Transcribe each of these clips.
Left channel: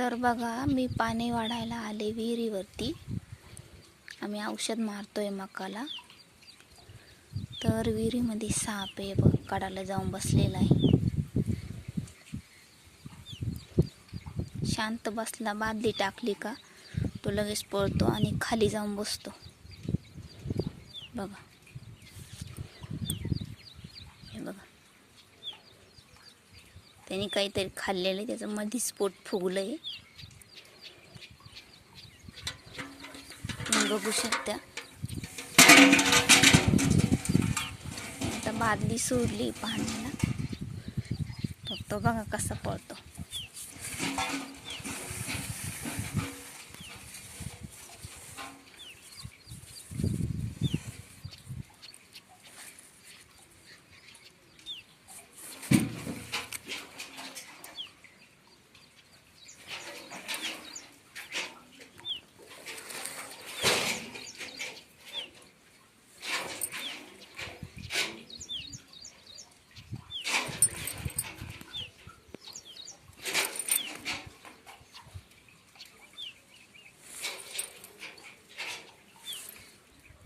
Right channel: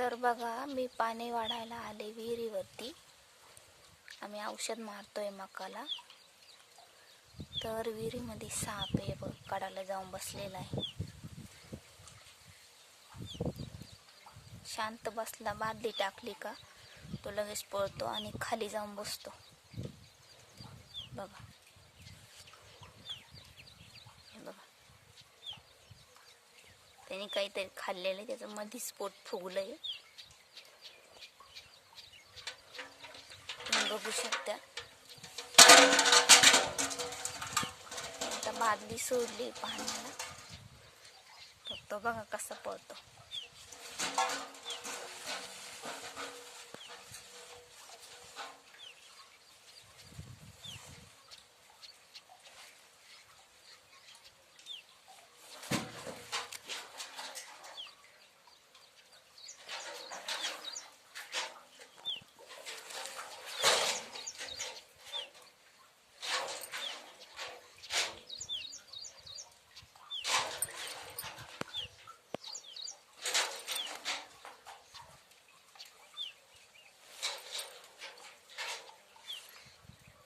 तर बघा, मी पाणी वाढायला आले विहिरीवरती. आम्ही औषध मारतोय मकाला. तर विहिरीमध्ये साप आहे बघ, काढायला जाऊन बसलेला आहे. शांत बसला, बादली टाकली का तो लगेच पळतो आणि खाली जाऊन बसतो. बघा, हे बघा, त्यांनी काहीतरी खाल्लेलं, त्याचं मधीच पोट फुगलंय. तुम्ही बघू शकता. आता बादली सोडली पाण्याला, तो बघा कसा पळतो.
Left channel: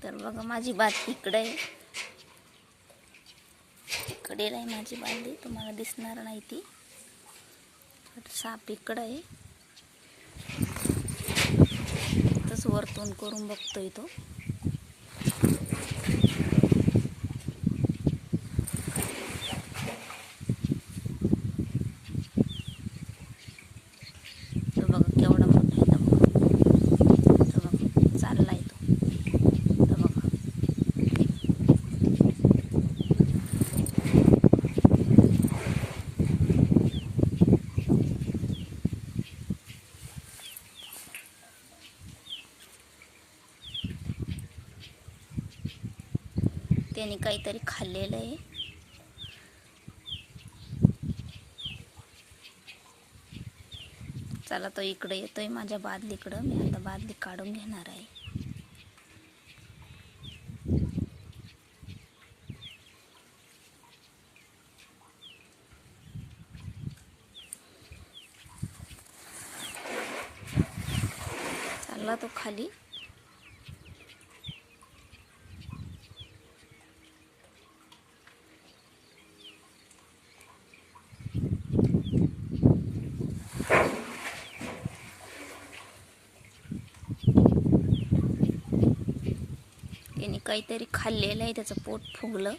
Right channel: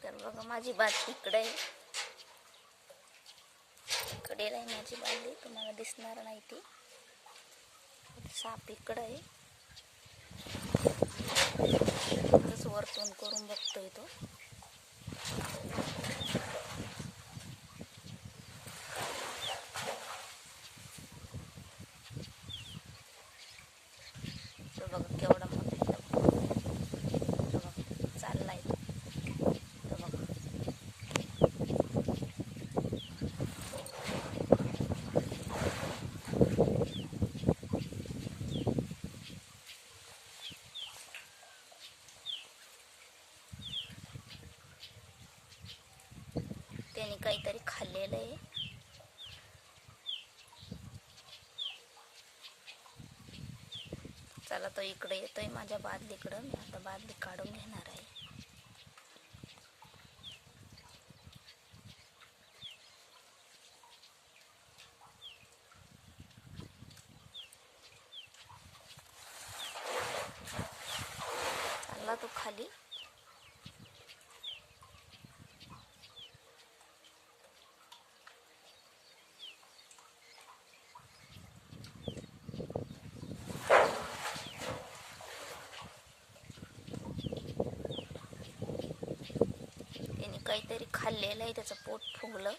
तर बघा, माझी बादली इकडे आहे, इकडेला आहे माझी बादली, तुम्हाला दिसणार नाही ती. साप इकडे आहे, तसं वरतून करून बघतोय तो. तो बघा केवढा मोठा आहे, तो बघा चाललाय तो. तो बघा, त्याने काहीतरी खाल्लेलं आहे. चला, तो इकडे येतोय माझ्या बादलीकडं. मी आता बादली काढून घेणार आहे. चालला तो खाली. त्याने काहीतरी खाल्लेलं आहे, त्याचं पोट फुगलं.